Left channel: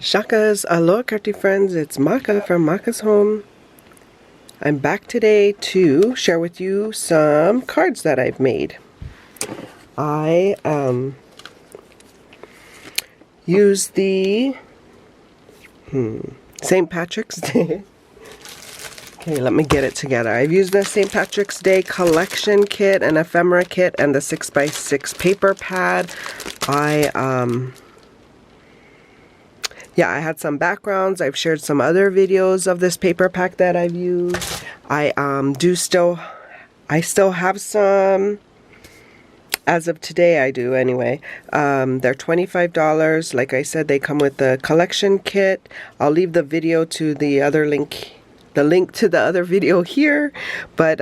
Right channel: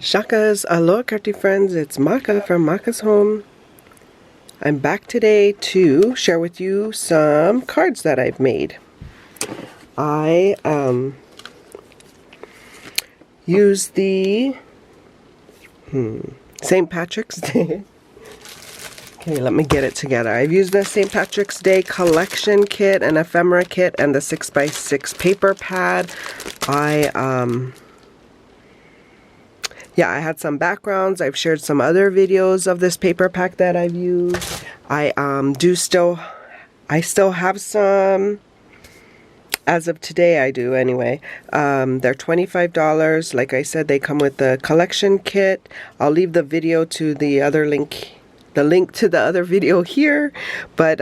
Shakas, aloha crafty friends, it's Maka from Makaz Home. I'm back today to share with you some cards that I've made. I used the St. Patrick's Day. Okay, let me get it together. I've used the St. Patrick's Day collection kit, an ephemera kit, and the 6x6 paper pad. I had some backgrounds. I've shared some other videos of this paper pack that I've used. I still have some. As of today, I do anyway. They're $25. Like I said, they come with the collection kit. I'll leave the video to the other link, the link to the other video here. But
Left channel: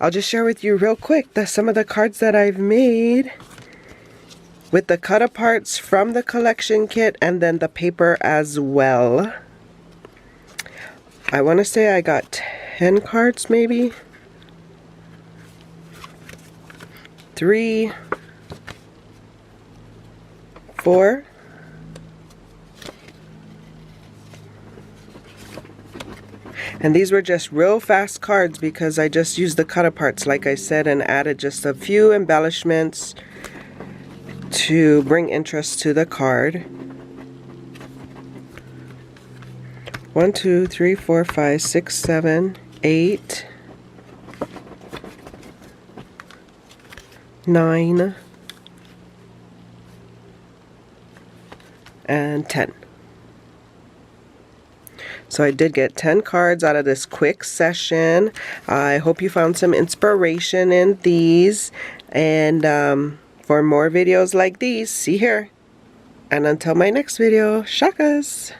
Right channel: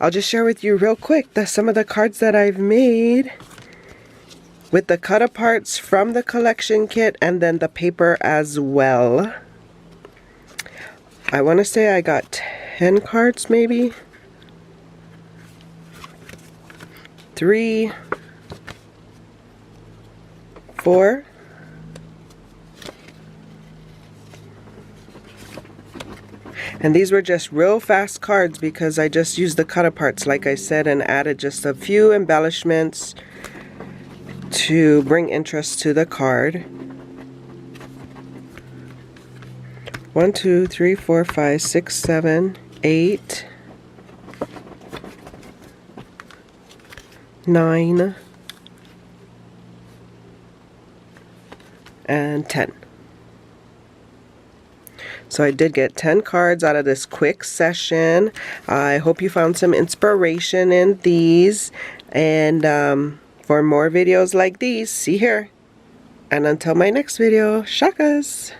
I'll just share with you real quick some of the cards that I've made. with the cut-aparts from the collection kit and then the paper as well. I want to say I got 10 cards maybe. 3, 4. And these were just real fast cards because I just used the cut-aparts, like I said, and added just a few embellishments to bring interest to the card. 1, 2, 3, 4, 5, 6, 7, 8, 9, and 10. So I did get 10 cards out of this quick session. I hope you found some inspiration in these. And for more videos like these, see here. And until my next video, shakas!